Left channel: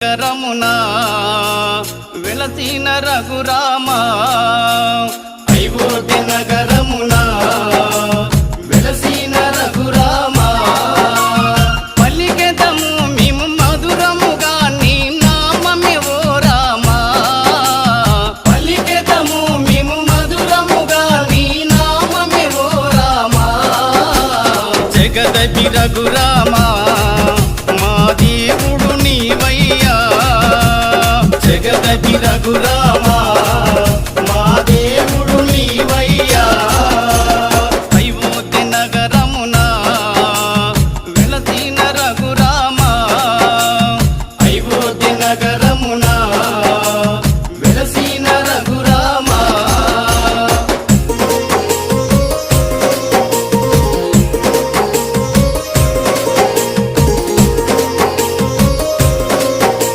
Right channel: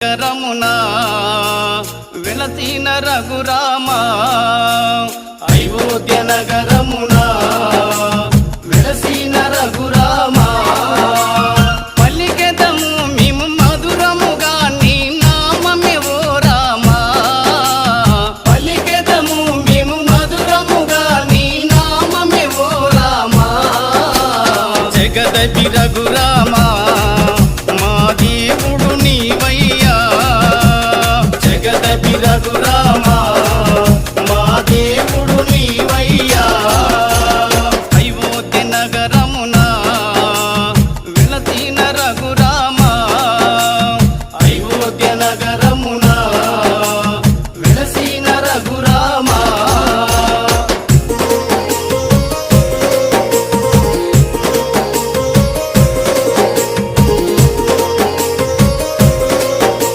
రమునా వెలసిన రఘురామా అయోధ్య నగరమునా వెలసిన రఘురామా పలికెదము మేము మధురముగా నీ నామమే ఓ రామా పలికెదము మేము మధురముగా నీ నామమే ఓ రామా జగదపి రఘురామా మా దేవుడు నీవయ్యా జగదపి రఘురామా మా దేవుడు నీవయ్యా అయోధ్య నగరమునా వెలసిన రఘురామా అయోధ్య నగర